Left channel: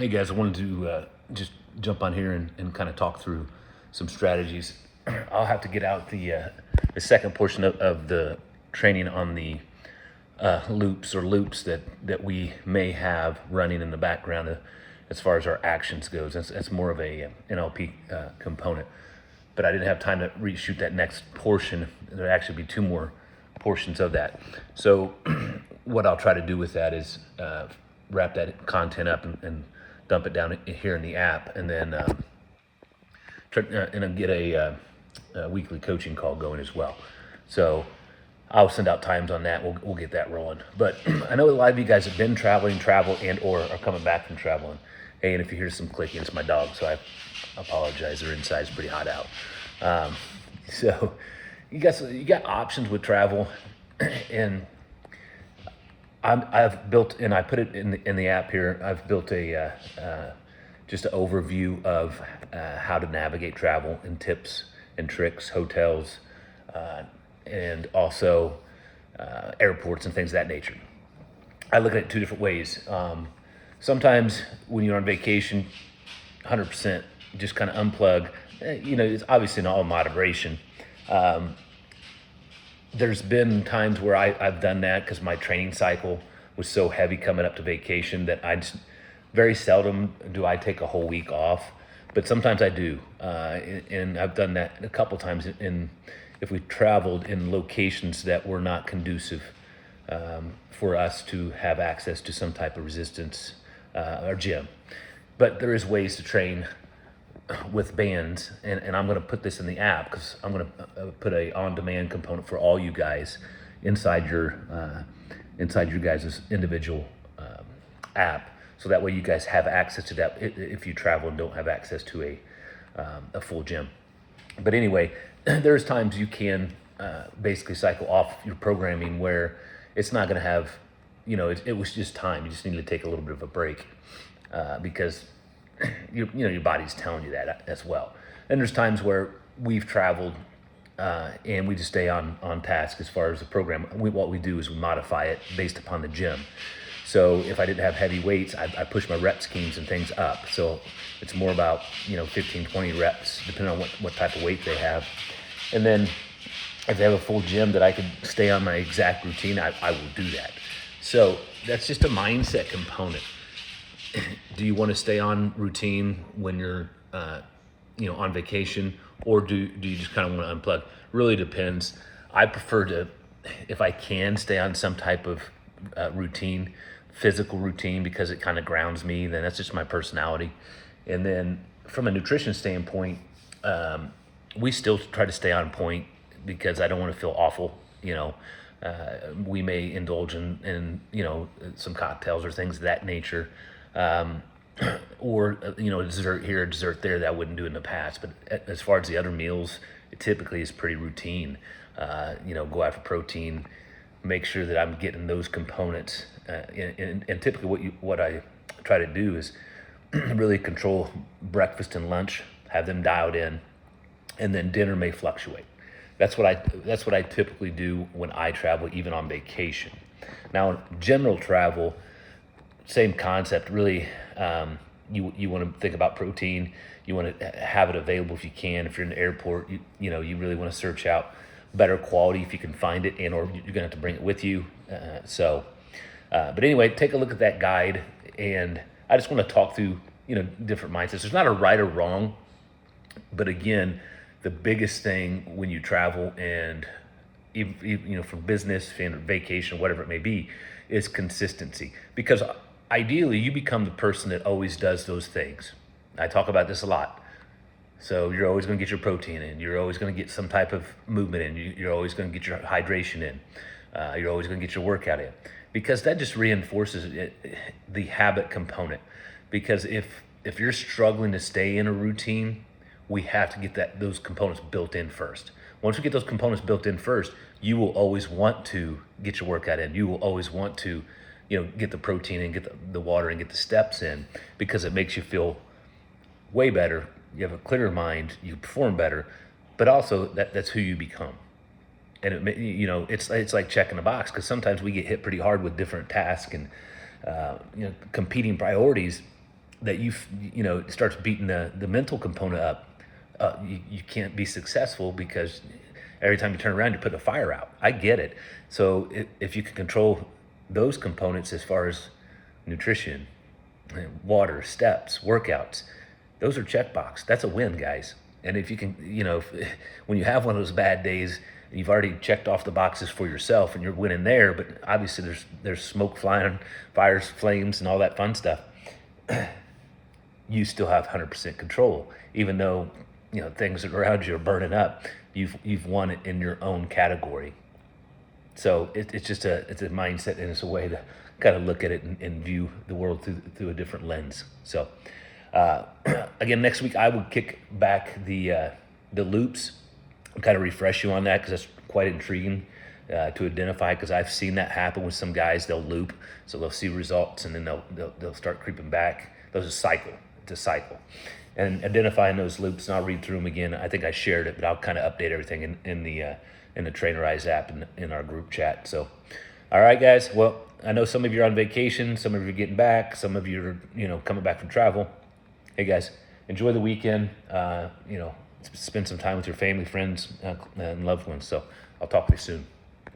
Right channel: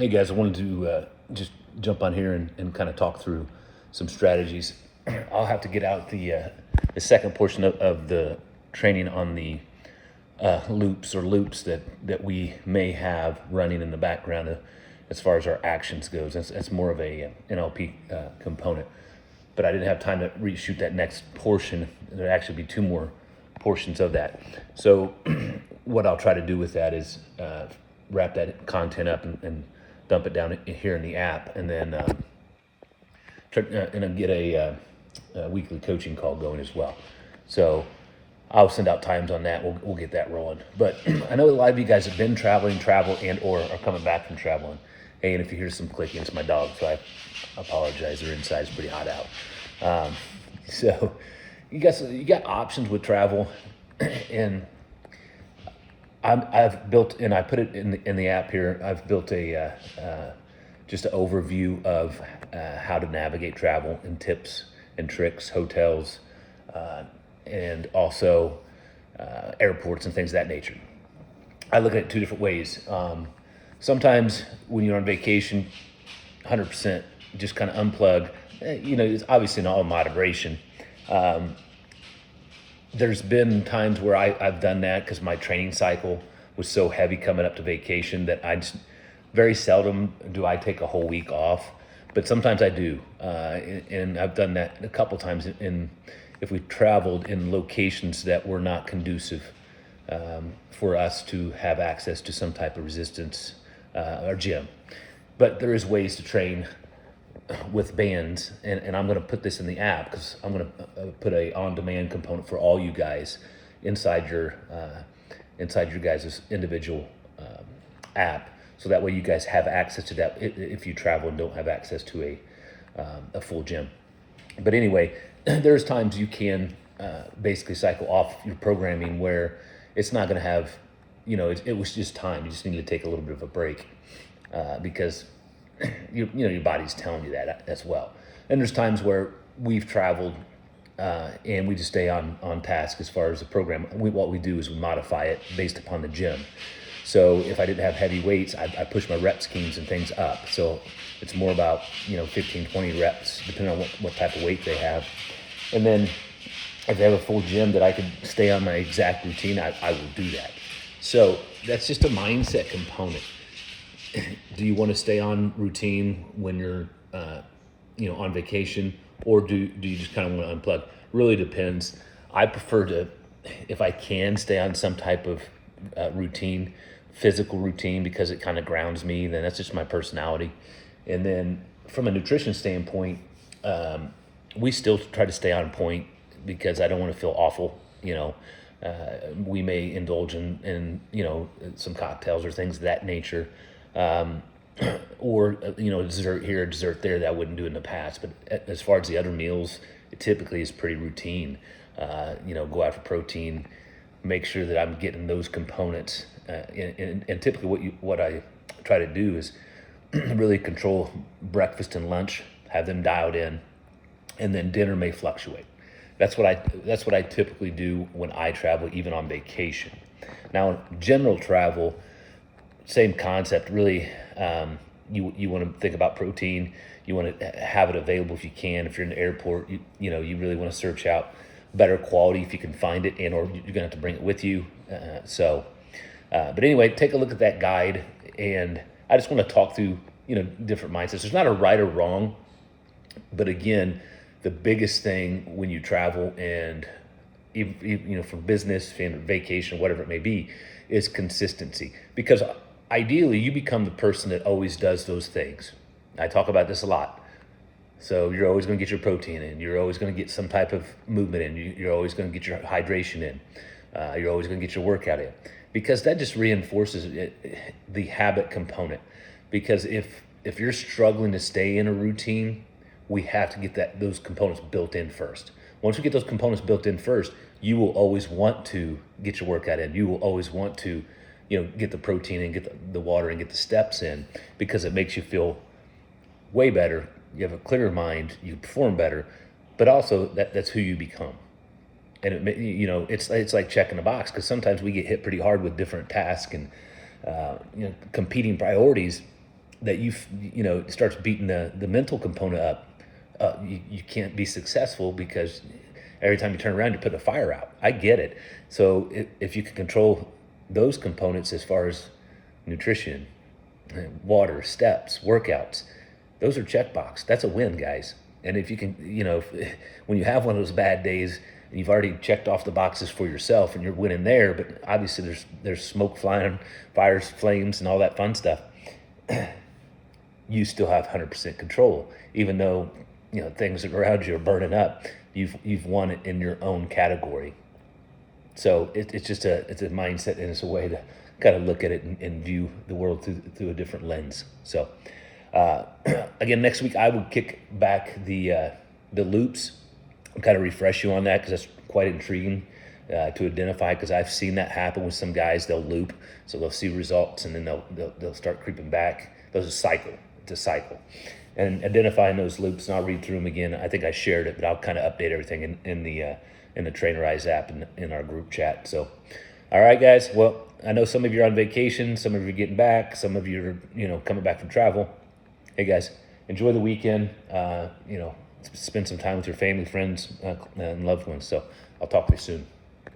Hey guys, I wanted to just jump on here and kind of talk through some strategies. I'll have to get out the second portion of the training on the loops that we may have running in the background as far as our actions goes. That's more of a NLP component. But I didn't have time to reshoot that next portion. There'll actually be two more portions of that. So what I'll try to do with that is wrap that content up and dump it down here in the app, and then get a weekly coaching call going as well. So I'll send out times on that. We'll get that rolling. But I know a lot of you guys have been travel and or are coming back from traveling. Hey, and if you hear some clicking, it's my dog, so I apologize. Their inside's pretty hot out. So you got options with travel, and I've built, and I put it in the app here. I've built a just an overview of how to navigate travel and tips and tricks, hotels, and also airports and things of that nature. I look at it two different ways. Sometimes when you're on vacation, 100% just kind of unplug. It's obviously in all moderation. There's been times where I've done that because my training cycle was so heavy coming up to vacation that very seldom do I take a whole week off, but sometimes I do. And I've done that a couple times if we traveled in locations that were not conducive for us to have access to some type of resistance or gym. But there is ways to train with bands, and I'm going to put this in the app because I'm going to put a on-demand component for all you guys inside your guys' individual app, so that way you guys have access to that if you travel and don't have access to a full gym. But anyway, there's times you can basically cycle off your programming where it's not going to have, it was just time. You just need to take a little bit of a break because your body's telling you that as well. And there's times where we've traveled and we just stay on task as far as the program. What we do is we modify it based upon the gym. So if I didn't have heavy weights, I push my rep schemes and things up. So it's more about 15, 20 reps, depending on what type of weight they have. And then if they have a full gym that I could stay on my exact routine, I will do that. So that's just a mindset component. Do you want to stay on routine when you're on vacation, or do you just kind of want to unplug? Really depends. I prefer to, if I can, stay on some type of routine, physical routine, because it kind of grounds me. Then that's just my personality. And then from a nutrition standpoint, we still try to stay on point because I don't want to feel awful. We may indulge in some cocktails or things of that nature. Or dessert here, dessert there, that I wouldn't do in the past. But as far as the other meals, it typically is pretty routine. Go after protein, make sure that I'm getting those components. And typically what I try to do is really control breakfast and lunch, have them dialed in, and then dinner may fluctuate. That's what I typically do when I travel, even on vacation. Now, general travel, same concept, really. You want to think about protein. You want to have it available if you can. If you're in the airport, you really want to search out better quality if you can find it, or you're going to have to bring it with you. But anyway, take a look at that guide, and I just want to talk through different mindsets. There's not a right or wrong, but again, the biggest thing when you travel and for business, vacation, whatever it may be, is consistency. Because ideally, you become the person that always does those things. I talk about this a lot. So you're always going to get your protein in. You're always going to get some type of movement in. You're always going to get your hydration in. You're always going to get your workout in. Because that just reinforces the habit component. Because if you're struggling to stay in a routine, we have to get those components built in first. Once we get those components built in first, you will always want to get your workout in. You will always want to get the protein and get the water and get the steps in, because it makes you feel way better. You have a clearer mind, you perform better, but also that's who you become. And it's like checking a box, because sometimes we get hit pretty hard with different tasks and competing priorities. that it starts beating the mental component up, you can't be successful because every time you turn around, you're putting a fire out. I get it. So if you can control those components as far as nutrition, water, steps, workouts, those are checkbox. That's a win, guys. And if you can, when you have one of those bad days, you've already checked off the boxes for yourself and you're winning there, but obviously there's smoke flying, fires, flames, and all that fun stuff. You still have 100% control, even though things around you are burning up. You've won it in your own category. So it's just it's a mindset, and it's a way to kind of look at it and view the world through a different lens. So again, next week I will kick back the loops and kind of refresh you on that, because that's quite intriguing to identify, because I've seen that happen with some guys. They'll loop, so they'll see results, and then they'll start creeping back. There's a cycle. It's a cycle. And identifying those loops, and I'll read through them again. I think I shared it, but I'll kind of update everything in the Trainerize app in our group chat. So, all right, guys. Well, I know some of you are on vacation, some of you are getting back, some of you are coming back from travel. Hey, guys, enjoy the weekend. Spend some time with your family, friends, and loved ones. So I'll talk to you soon.